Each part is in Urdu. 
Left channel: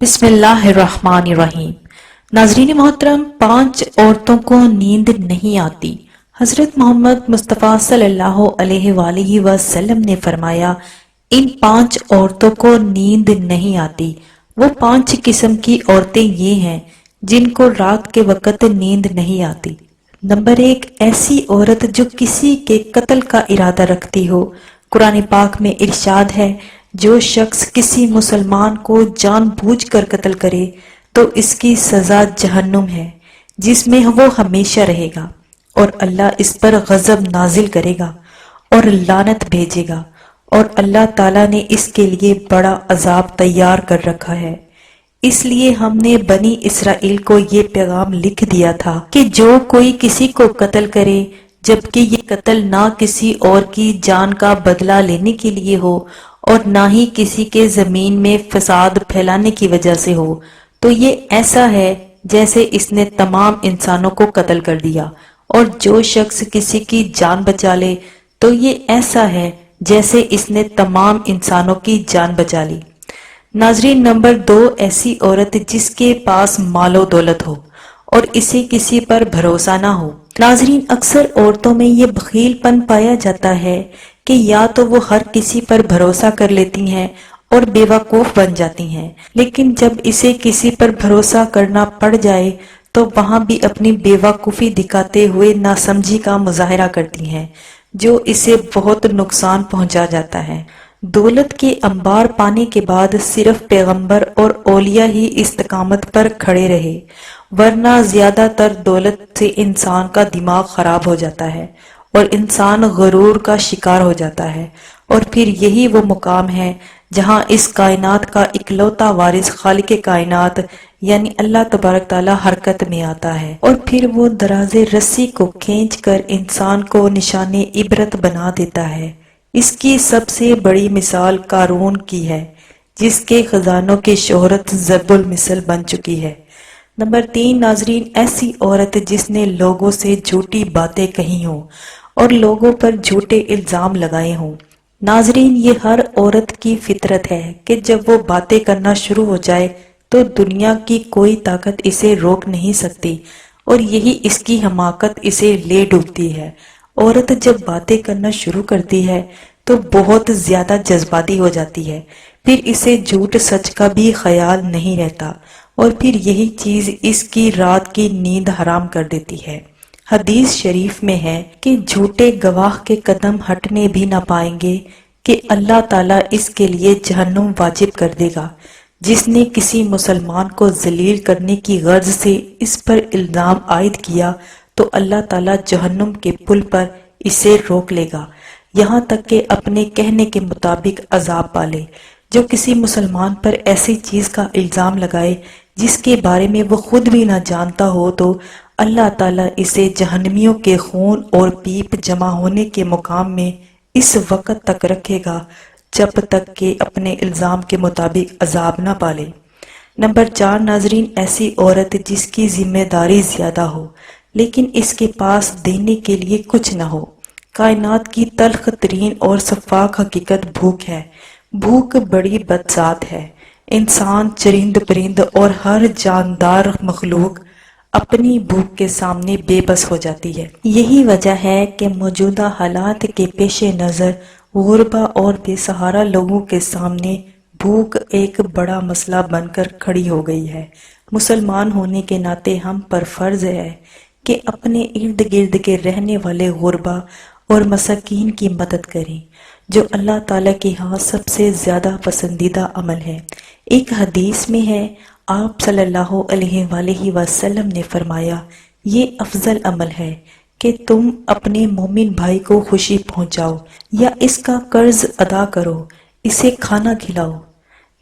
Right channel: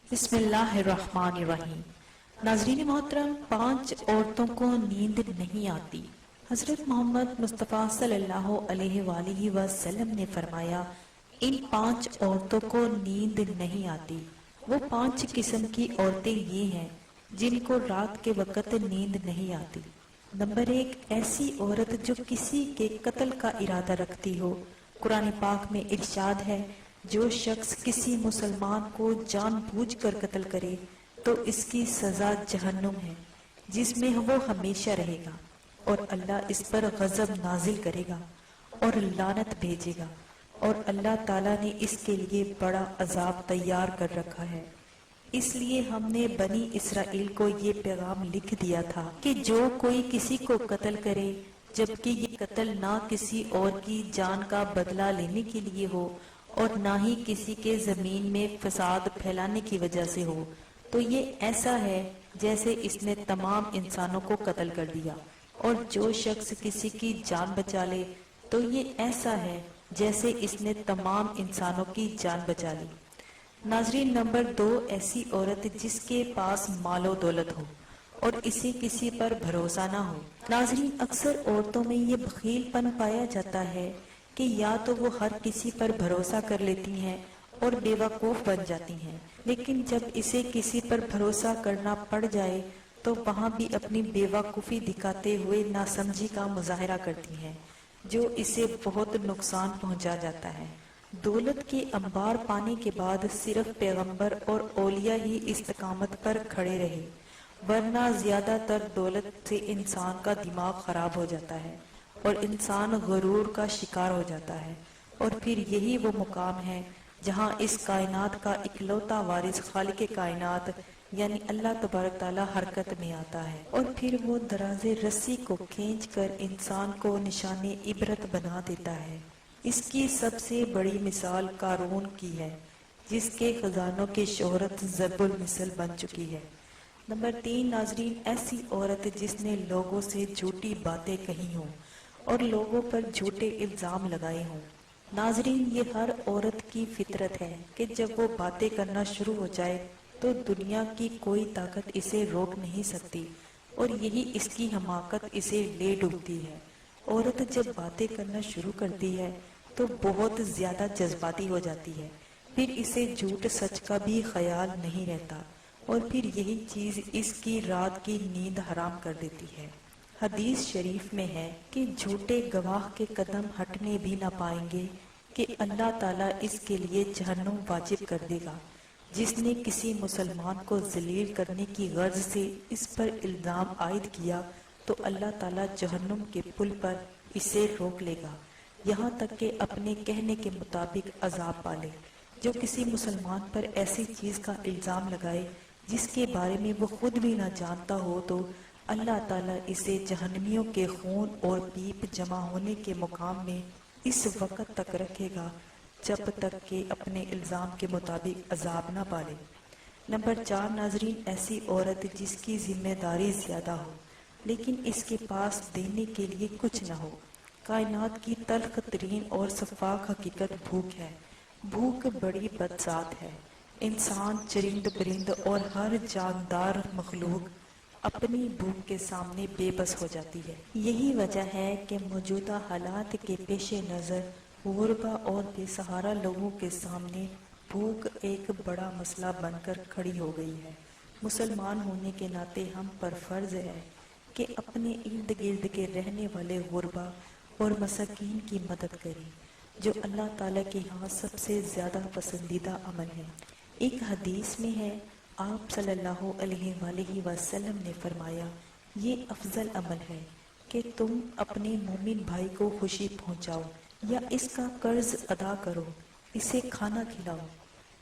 بسم اللہ الرحمن الرحیم۔ ناظرین محترم، 5 عورتوں کو نیند نہیں آتی۔ حضرت محمد مصطفیٰ صلی اللہ علیہ وآلہ وسلم نے فرمایا، ان 5 عورتوں کو نیند نہیں آتی۔ وہ 5 قسم کی عورتیں یہ ہیں جن کو رات کے وقت نیند نہیں آتی۔ نمبر 1، ایسی عورت جو کسی کے قتل کا ارادہ رکھتی ہو۔ قرآن پاک میں ارشاد ہے، جو شخص کسی مسلمان کو جان بوجھ کر قتل کرے تو اس کی سزا جہنم ہے، جس میں وہ ہمیشہ رہے گا، اور اللہ اس پر غضب نازل کرے گا اور لعنت بھیجے گا، اور اللہ تعالیٰ نے اس کے لیے بڑا عذاب تیار کر رکھا ہے۔ اس لیے ہم نے بنی اسرائیل کو یہ پیغام لکھ دیا تھا کہ جو کوئی کسی کو قتل کرے، جبکہ یہ قتل نہ کسی اور کی جان کا بدلہ لینے کے لیے ہو اور نہ ہی کسی کے زمین میں فساد پھیلانے کی وجہ سے ہو، تو یہ ایسا ہے جیسے اس نے تمام انسانوں کو قتل کر دیا، اور جو شخص کسی کی جان بچا لے تو یہ ایسا ہے جیسے اس نے تمام انسانوں کی جان بچا لی۔ ناظرین، نمبر 2، ایسی عورت جس کے پاس مال و دولت ہو اور اسے کسی پر بھروسہ نہ ہو۔ ناظرین، اکثر عورتوں میں یہ بخیل پن پایا جاتا ہے کہ یا تو وہ ہر کسی پر بھروسہ کر لیتی ہیں اور بے وقوف بن جاتی ہیں، لیکن جب اسے کسی پر بھروسہ کرنا پڑ جائے تو وہاں بھی اپنی بے وقوفی دکھاتے ہوئے ناسمجھی کا مظاہرہ کرتی ہیں، جو اسے بہت نقصان پہنچا جاتا ہے۔ دولت کے انبار پانے کے بعد صرف پیغمبر اور اولیاء ہی استقامت پر کھڑے رہے، ورنہ زیادہ تر دولت سے انسان کا دماغ خراب ہو جاتا ہے اور انسان غرور کا شکار ہو جاتا ہے، اور پھر یہی وہ مقام ہے جہاں اس کائنات کا اکلوتا وارث خالق کائنات یعنی اللہ تبارک تعالیٰ حرکت میں آتا ہے، اور پھر وہ دراز رسی کو کھینچ کر انسان کو نشان عبرت بنا دیتا ہے۔ اس کی سب سے بڑی مثال قارون کی ہے، جس کے خزانوں کی شہرت ضرب المثل بن چکی ہے۔ نمبر 3، ناظرین، ایسی عورت جس نے لوگوں سے جھوٹی باتیں کہی ہوں اور لوگوں پر جھوٹے الزام لگائے ہوں۔ ناظرین، یہ ہر عورت کی فطرت ہے کہ جب وہ باتیں کرنا شروع ہو جائے تو دنیا کی کوئی طاقت اسے روک نہیں سکتی، اور یہی اس کی حماقت اسے لے ڈوبتی ہے۔ عورت جب باتیں کرنا شروع کرتی ہے تو بہت زیادہ جذباتی ہو جاتی ہے، پھر اسے جھوٹ سچ کا بھی خیال نہیں رہتا، اور پھر یہی چیز اس کی رات کی نیند حرام کر دیتی ہے۔ حدیث شریف میں ہے کہ جھوٹے گواہ کے قدم ہٹنے بھی نہ پائیں گے کہ اللہ تعالیٰ اس کے لیے جہنم واجب کر دے گا۔ جس نے کسی مسلمان کو ذلیل کرنے کی غرض سے اس پر الزام عائد کیا تو اللہ تعالیٰ جہنم کے پل پر اسے روک لے گا، یہاں تک کہ اپنے کہنے کے مطابق عذاب پالے۔ جو کسی مسلمان پر ایسی چیز کا الزام لگائے جس کے بارے میں وہ خود بھی نہ جانتا ہو تو اللہ تعالیٰ اسے جہنمیوں کے خون اور پیپ جمع ہونے کے مقام میں اس وقت تک رکھے گا جب تک کہ اپنے الزام کے مطابق عذاب نہ پالے۔ نمبر 4، ناظرین، ایسی عورت جس کی ذمہ داری زیادہ ہو لیکن اس کے پاس دینے کے لیے کچھ نہ ہو۔ کائنات کی تلخ ترین اور شفاف حقیقت بھوک ہے۔ بھوک بڑی بدذات ہے۔ انسان، چرند پرند اور ہر جاندار مخلوق اپنی بھوک کے سامنے بے بس ہو جاتی ہے۔ یہی وجہ ہے کہ موجودہ حالات کے پیش نظر غربا اور بے سہارا لوگوں کے سامنے بھوک ایک بڑا مسئلہ بن کر کھڑی ہو گئی ہے۔ مسلمان ہونے کے ناطے ہم پر فرض ہے کہ اپنے ارد گرد کے رہنے والے غربا اور مساکین کی مدد کریں، جو اللہ تعالیٰ کے ہاں سب سے زیادہ پسندیدہ عمل ہے۔ ایک حدیث میں ہے، آپ صلی اللہ علیہ وآلہ وسلم نے فرمایا، یہ افضل عمل ہے کہ تم اپنے مومن بھائی کو خوشی پہنچاؤ یا اس کا قرض ادا کرو، اسے کھانا کھلاؤ۔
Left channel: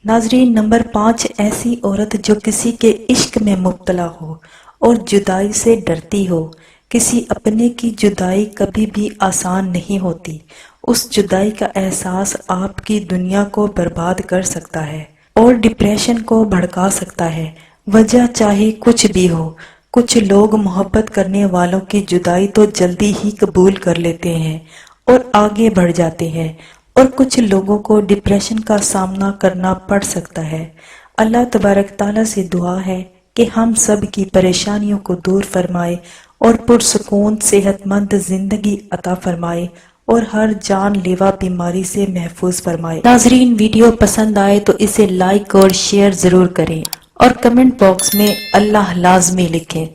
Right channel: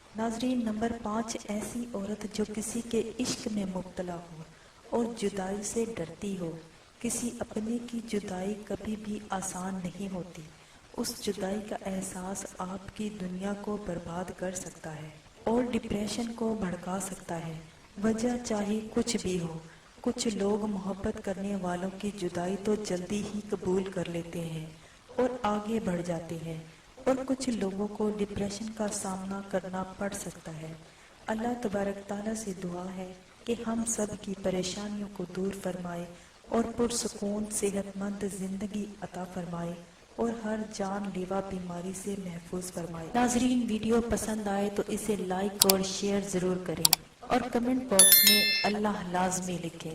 ناظرین، نمبر 5، ایسی عورت جو کسی کے عشق میں مبتلا ہو اور جدائی سے ڈرتی ہو۔ کسی اپنے کی جدائی کبھی بھی آسان نہیں ہوتی۔ اس جدائی کا احساس آپ کی دنیا کو برباد کر سکتا ہے اور ڈپریشن کو بھڑکا سکتا ہے، وجہ چاہے کچھ بھی ہو۔ کچھ لوگ محبت کرنے والوں کی جدائی تو جلدی ہی قبول کر لیتے ہیں اور آگے بڑھ جاتے ہیں، اور کچھ لوگوں کو ڈپریشن کا سامنا کرنا پڑ سکتا ہے۔ اللہ تبارک تعالیٰ سے دعا ہے کہ ہم سب کی پریشانیوں کو دور فرمائے اور پرسکون صحت مند زندگی عطا فرمائے اور ہر جان لیوا بیماری سے محفوظ فرمائے۔ ناظرین، ویڈیو پسند آئے تو اسے لائک اور شیئر ضرور کریں اور کمنٹ باکس میں اللہ لازمی لکھیں۔